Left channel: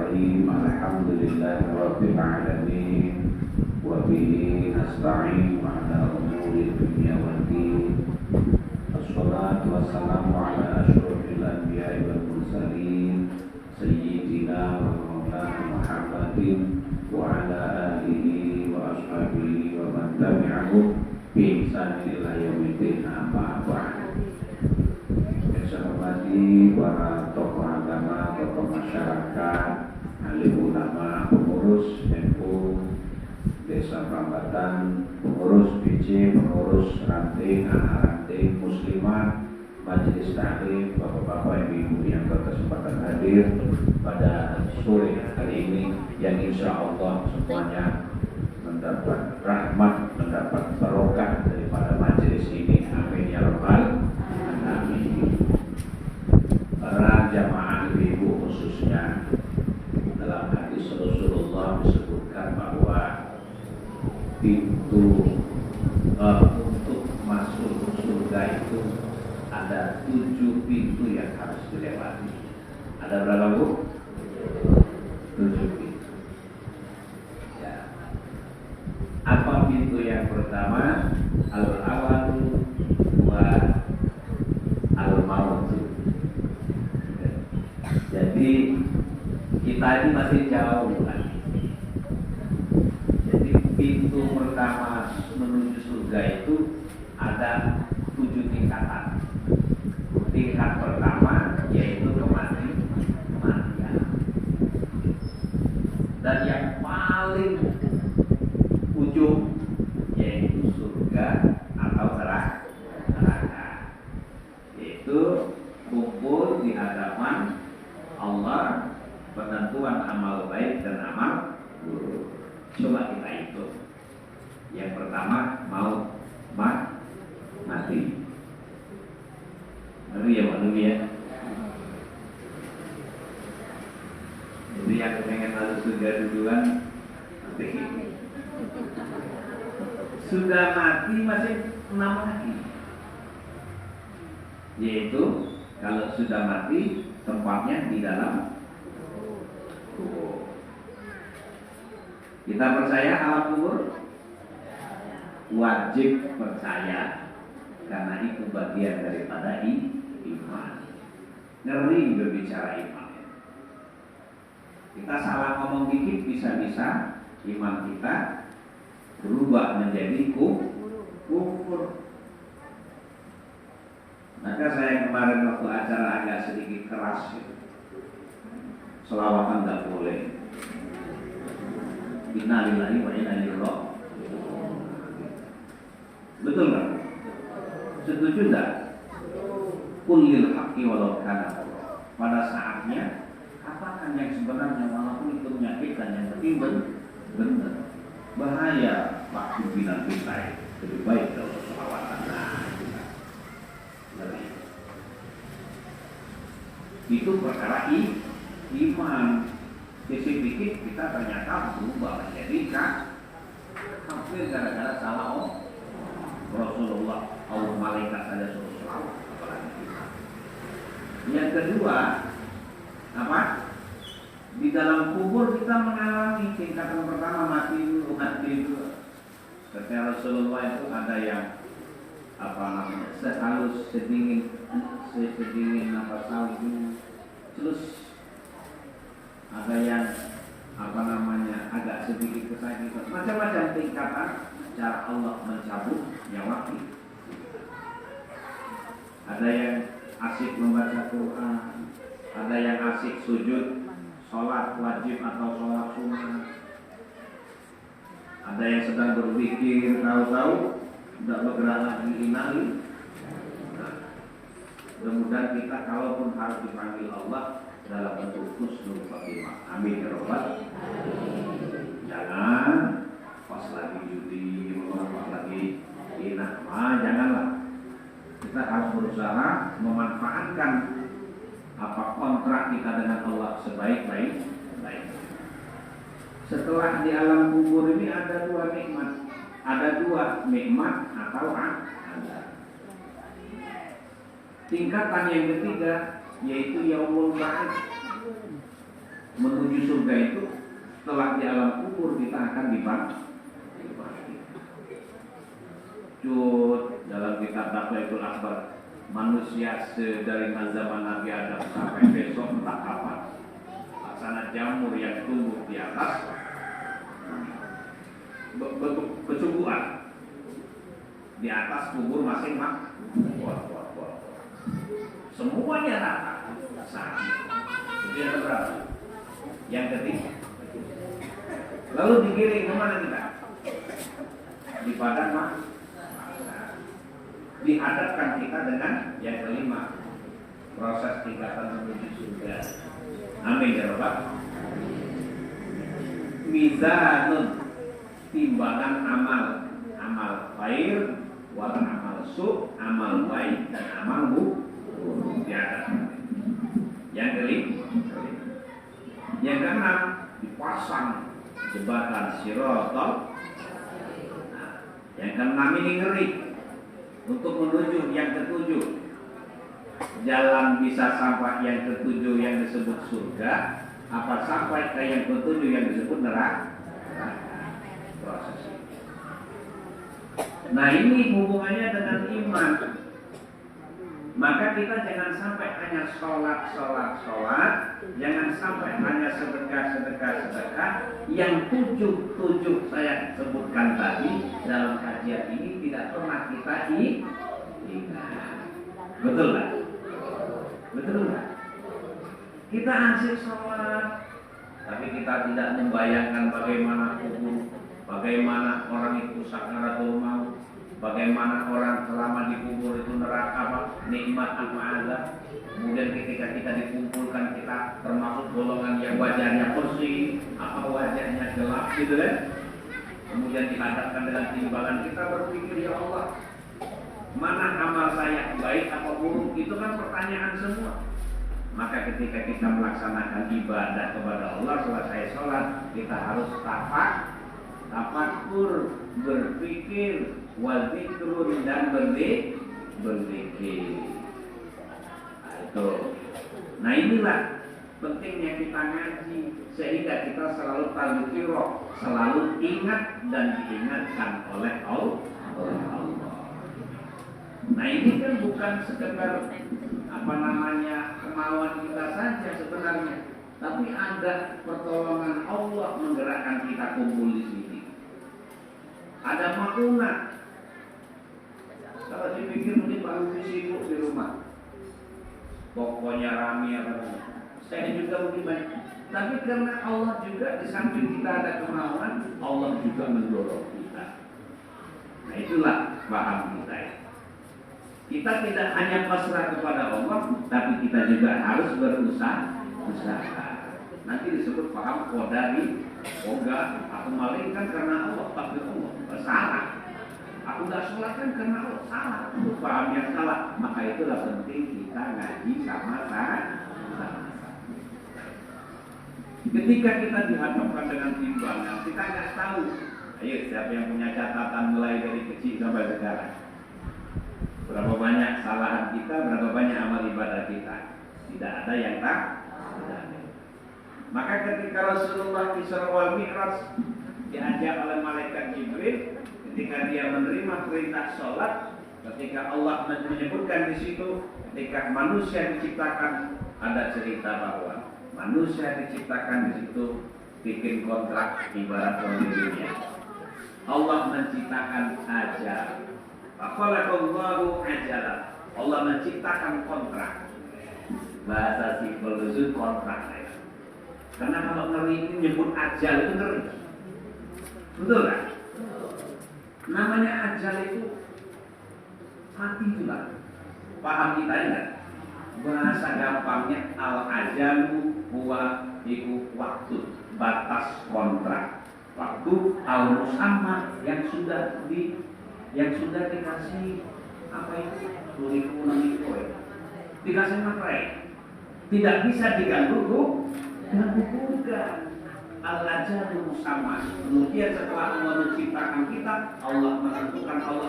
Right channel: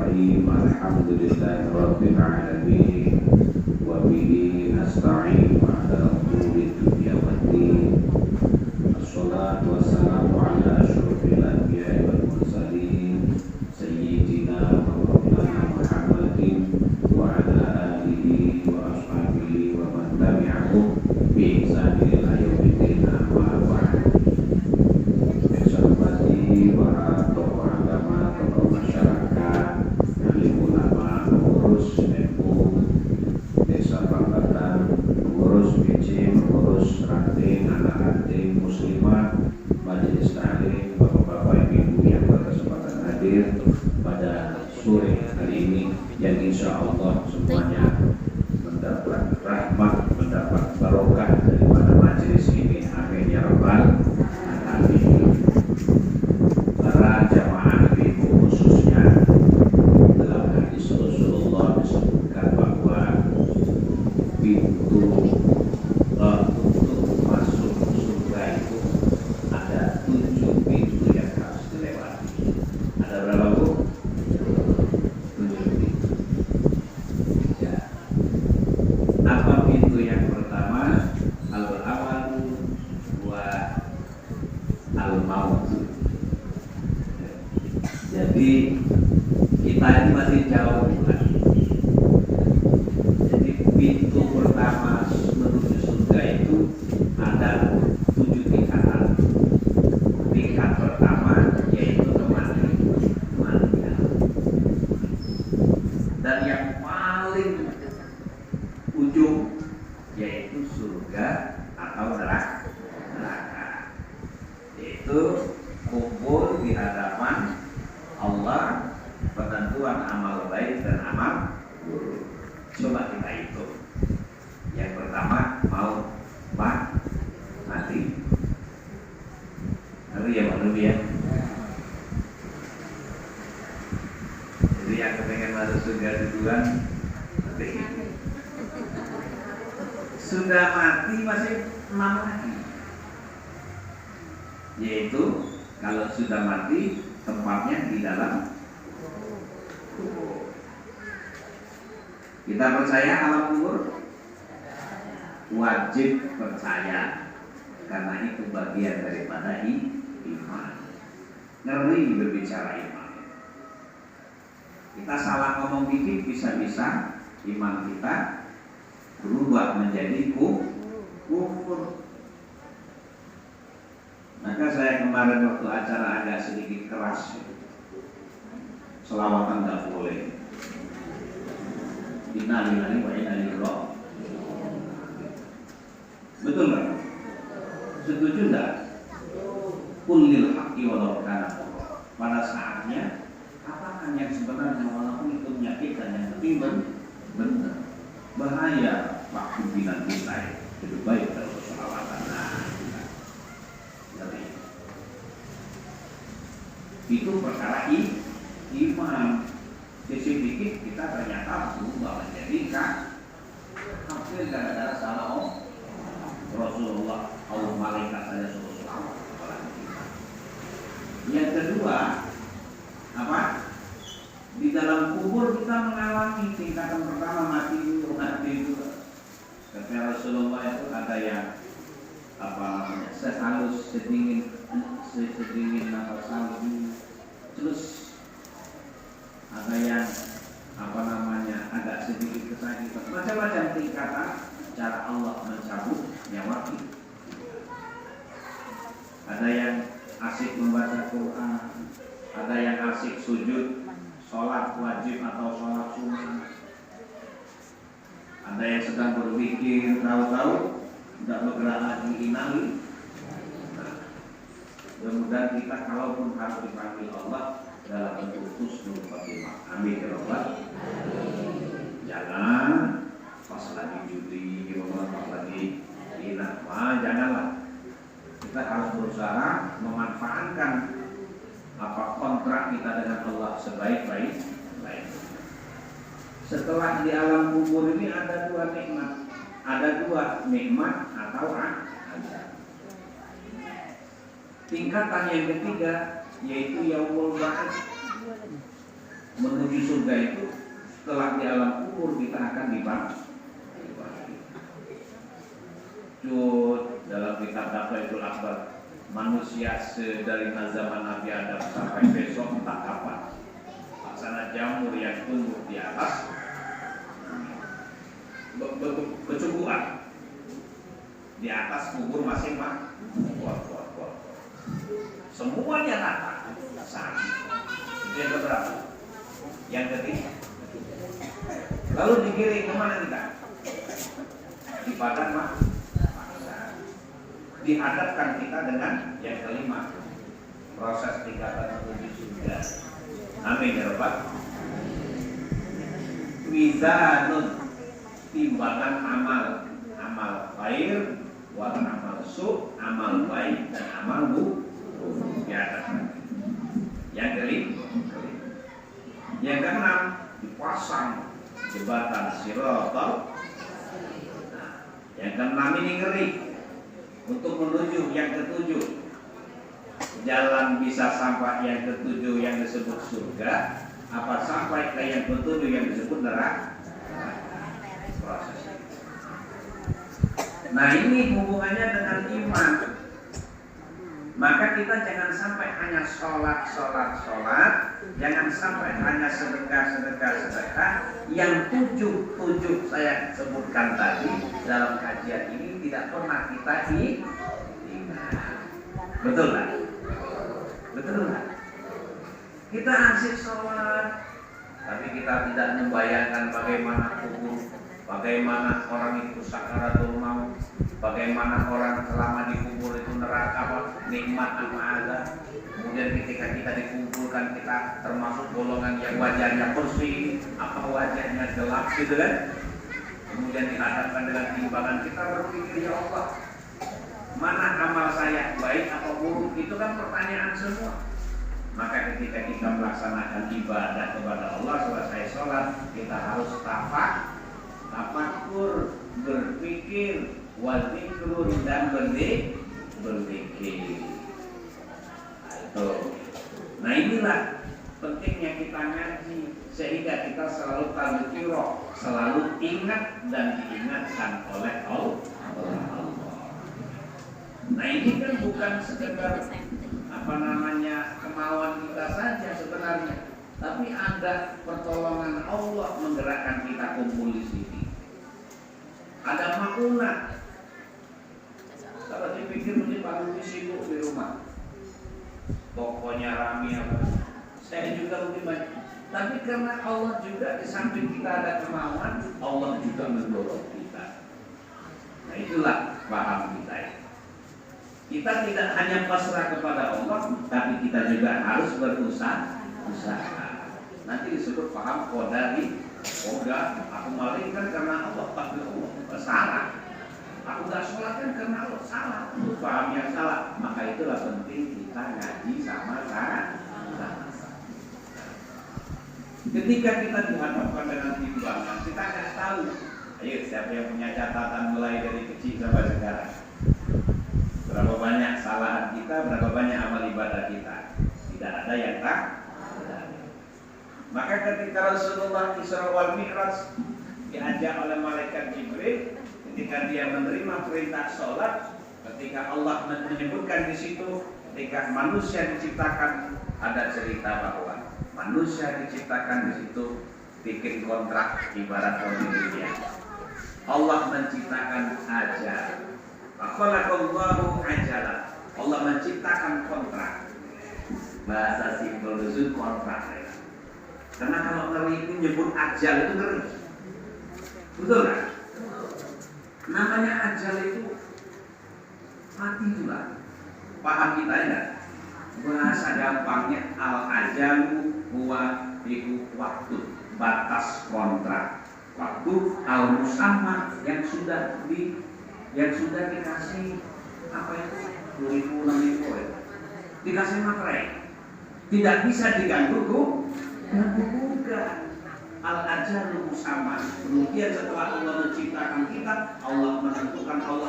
Bismillahirrahmanirrahim. Alhamdulillahirabbil alamin. Wa bihi nasta'in ala umuri dunya waddin. Wassalatu wassalamu ala asyrofil anbiya'i wal mursalin sayyidina wa maulana Muhammadin wa ala alihi wa ashabihi wa man tabi'ahum bi ihsan ila yaumiddin. Amma ba'd. Para tokoh agama, tokoh masyarakat, alim ulama, pengurus NU, desa Pambatan, pengurus BC, pengurus ranting, anak ranting, muslimat, majelis taklim, bapak-bapak, ibu-ibu yang berkesempatan hadir pada sore hari ini, yang insya Allah semuanya mendapat rahmat, mendapat barokah daripada majelis ini. Amin ya rabbal alamin. Para jamaah ibu khususnya, dalam hadis Rasulullah disebutkan bahwa pintu untuk masuk surga itu ada 7 pintu yang harus dilewati. Ada berapa, Bu? 7 pintu. Ya. Apa pintu yang pertama? Al-awalu wa al-mautu. Jadi kita ini masih jauh lagi. Jadi pintu pertama menuju surga itu ada 7 tingkatan. Tingkat pertama yaitu kematian. Dan yang paling ujung yaitu surga atau neraka. Yaitu kumpul di hadapan Allah, penentuan amal baik dan amal buruk. Coba kita hitung. Yang pertama mau mati. Nabi ya, Nabi ya. Jadi yang pengen masuk surga duluan mati. Sudah mati masih 6 lagi. Yaitu kalau sudah mati tempatnya di dalam kubur. Kita percaya alam kubur? Wajib percaya, karena itu bagian daripada iman. Ngeri berbicara iman. Kita salah ngomong dikit bisa-bisa iman kita berubah menjadi kufur. Maka saya kemarin waktu acara agak sedikit keras, selawatan nggak boleh. Innalillahi wa inna ilaihi raji'un. Betul nggak? Setuju nggak? Qulil haqqi walau kana. Pada saatnya katakan yang sebenarnya walaupun itu menyakitkan, yang penting benar. Bahaya waktu bilang kita lebih baik kalau selawatan. Itu perkara iman. Sedikit kita ternyata berubah menjadi kafir gara-gara salah Rasulullah. Allah malaikat saja suruh selawat. Yang kedua, apa? Di dalam kubur kita mengalami tingkatan pertama mati itu. Kata Rasulullah itu ada yang sehalus sedingin salju, terus ada yang agak sedikit kesakitan, macam-macam tingkatan cara Allah mencabut nyawa. Ada yang asik membaca Quran, ada yang asik sujud sholat wajib atau sholat sunnah, ada yang sedang berpikir, tahu-tahu tidak bergerak lagi inali. Mudah-mudahan kita kalaupun harus dipanggil Allah dalam bentuk husnul khotimah. Amin ya rabbal alamin. Jangan pas lagi judi, pas lagi janganlah. Kita harus berusaha memanfaatkan kontrak kita dengan Allah sebaik-baik. Setelah di alam kubur ini ada 2 nikmat. Ada 2 nikmat atau azab. Tingkatan yang ketiga yaitu yaumul ba'ats. menuju surga itu setelah di alam kubur kita akan dibagi. Cut dalam kitab Daftarul Akbar, manusia dari zaman Nabi Adam sampai besok entah kapan, laksana jamur yang tumbuh di atas kecumbuan di atas kubur masing-masing. Semuanya rata sama. Itu yang keberapa? Yang ketiga. Lalu digiring kemana kita? Di padang mahsyar. Dihadapkan kita dengan yang kelima, proses tingkatan menuju surga. Amin ya Rabbal. Mizanun, timbangan amal, amal khair, wal amal su, amal baik dan amal buruk dihadapkan. Yang kelima, yang keenam dipasang jembatan Siratal. Yang keenam ini ngeri. Untuk menuju yang ketujuh, jalan bisa sampai yang ketujuh yang disebut surga, apa sampai ke yang ketujuh yang disebut neraka. Proses. Nah ini hubungannya dengan iman. Maka kita jangan sampai hanya sholat, jangan sampai hanya sedekah. Yang tujuh saya sebutkan tadi dalam kajian ini tidak pernah kita ingat. Betul nggak? Betul nggak? Kita asik sholat, tapi kita tidak membayangkan bagaimana kubur, bagaimana orang itu sakaratul maut, bagaimana orang selama dikubur itu neraka, nikmat apa azab. Kemudian ketika kita dikumpulkan, kita termasuk golongan yang wajahnya bersih, apa wajahnya gelap gitu kan. Kemudian dihadapkan dengan timbangan, kita berpikir, ya Allah, mana amal saya, baik apa buruk, itu kan pertanyaan semua. Maka ketika kita melaksanakan ibadah kepada Allah, selesai sholat, kita harus tafakur, berpikir, wazikrun dan berzikir. Nah inilah pentingnya kita ngaji, sehingga kita selalu tadzkirah, selalu ingat dan diingatkan oleh Allah. Nah ini kan bukan sekedar kemauan kita saja sebenarnya, tapi ada pertolongan Allah menggerakkan kita kumpul di sini. Ada makna. Kalau dipikir mungkin paling sibuk di rumah, tokonya rame apa, saya juga mungkin banyak. Tapi karena Allah juga di samping kita ada kemauan, Allah juga mendorong kita. Nah itulah paham kita ya. Kita tidak hanya pasrah kepada Allah, tapi kita juga harus berusaha. Nanti disebut paham qadari, aku malaikat karena Allah, takdir Allah, salah. Aku gak sholat kan karena Allah, salah. Itu paham yang salah. Maka itulah penting kita ngaji sama-sama. Ketika kita dihadapkan dengan timbangan, kita nggak tahu. Ayo siapa yang punya catatan mulai dari kecil sampai sekarang? Berapa banyak kesalahan kita, berapa banyak amal ibadah kita? Tidak ada yang tak. Maka ketika Rasulullah Isra wal Mi'raj diajak oleh malaikat Jibril, ketika dia menerima perintah sholat, ketika Allah menyebutkan di situ, ketika manusia diciptakan, ada cerita bahwa manusia diciptakan di situ bikin kontrak ibarat orang dunia. Allah menciptakan ajal. Akhalaqallahu ajalan. Allah menciptakan kontrak. Bahasa simpel itu kontrak. Karena kalau ngeri itu nyebut ajal itu ngeri. Betul kan? Namanya ajal itu mati juga. Paham kita ya? Bahasa gampangnya al-ajalu huwa iku waktu, batas kontrak. Waktu al-musamma yang sudah dikasih apa itu? Kurikulum dikasih materai. Tidak bisa diganggu juga. Al-ajalu musamma. Kemudian setelah Allah menciptakan kita, Allah menentukan, Allah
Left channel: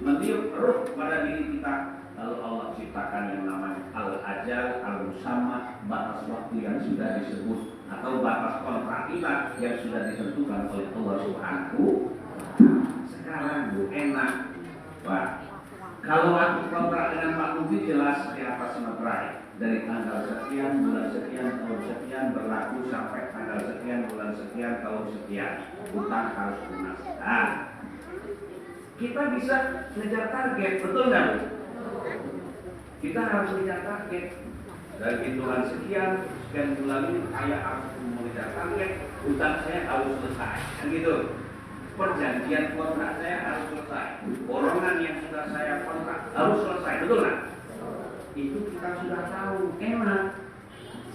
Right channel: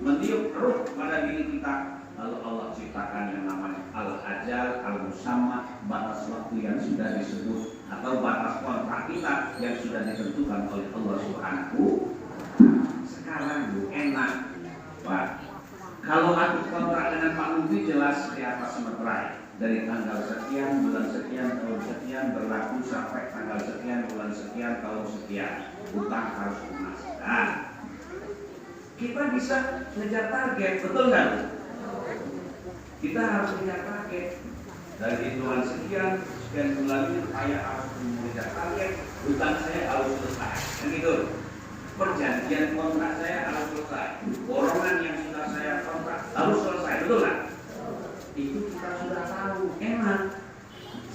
meniup ruh pada diri kita. Lalu Allah ciptakan yang namanya al-ajal, al-musamma, batas waktu yang sudah disebut atau batas kontrak kita yang sudah ditentukan oleh Allah Subhanahu. Sekarang bu enak, Pak. Kalau aku kontrak dengan Pak Mufi jelas di atas materai. Dari tanggal sekian, bulan sekian, tahun sekian berlaku sampai tanggal sekian, bulan sekian, tahun sekian. Utang harus lunas. Nah, kita bisa ngejar target, betul nggak? Kita harus ngejar target. Dari hitungan sekian bulan ini saya harus mengejar target, utang saya harus selesai. Kan gitu. Perjanjian kontrak saya harus selesai. Borongan yang sudah saya kontrak harus selesai, betul nggak? Itu kita sudah tahu. Enak.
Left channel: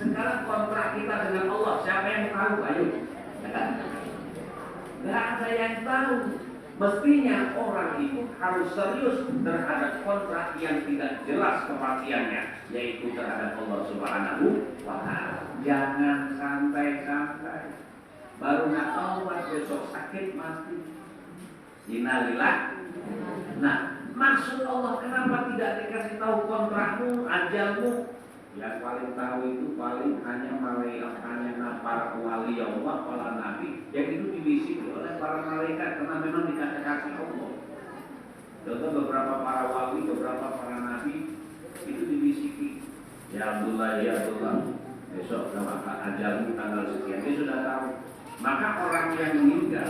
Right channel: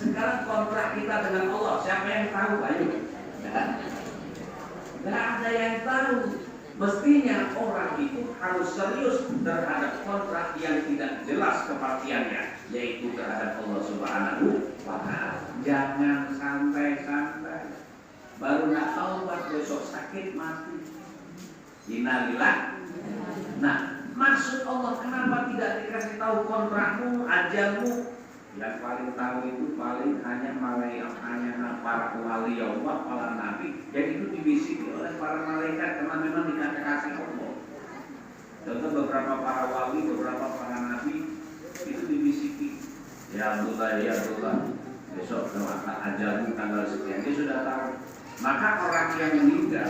Sekarang kontrak kita dengan Allah, siapa yang tahu? Ayo. Nggak ada yang tahu. Mestinya orang itu harus serius terhadap kontrak yang tidak jelas kepastiannya, yaitu terhadap Allah Subhanahu wa Ta'ala. Jangan santai-santai. Baru nak taubat besok sakit mati. Innalillah. Nah, maksud Allah kenapa tidak dikasih tahu kontrakmu, ajalmu? Yang paling tahu itu paling hanya para wali Allah, para nabi, yang itu dibisiki oleh para malaikat karena memang dikasih Allah. Contoh beberapa para wali, beberapa para nabi itu dibisiki. Ya Abdullah, besok ajalmu tanggal sekian, dia sudah tahu. Maka orang yang meninggal,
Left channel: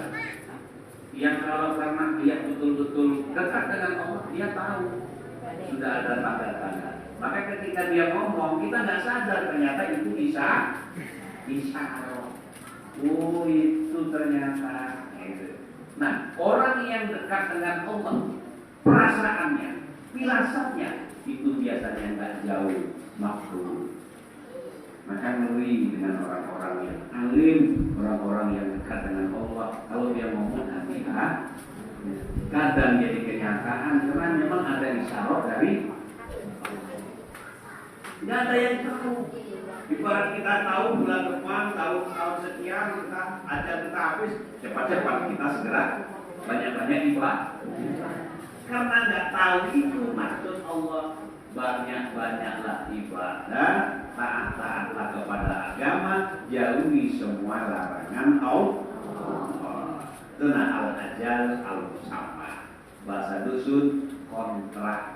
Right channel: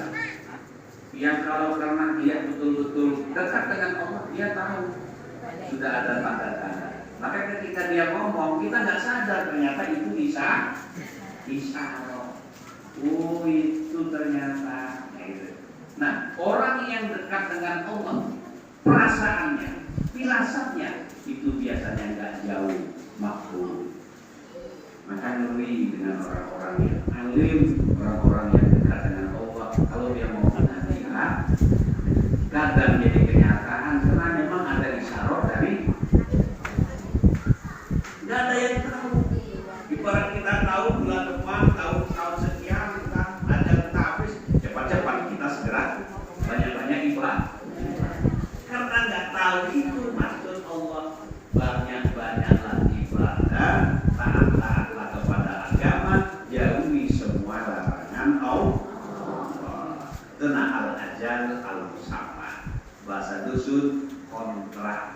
yang kalau karena dia betul-betul dekat dengan Allah, dia tahu sudah ada tanda-tanda. Maka ketika dia ngomong, kita nggak sadar ternyata itu isyarat. Oh itu ternyata gitu. Nah, orang yang dekat dengan Allah, perasaannya, firasatnya itu biasanya nggak jauh makhluk. Maka ngeri dengan orang-orang yang alim, orang-orang yang dekat dengan Allah. Kalau dia mau menanyakan, kadang jadi kenyataan karena memang ada isyarat dari. Nggak ada yang tahu. Ibarat kita tahu bulan depan, tahun sekian kita ada habis, cepat-cepat kita segera banyak-banyak ibadah. Karena nggak tahu itu maksud Allah, banyak-banyaklah ibadah, taat-taatlah kepada agama, jauhi semua larangan Allah. Kena al-ajal al-musamma. Bahasa dusun kontrak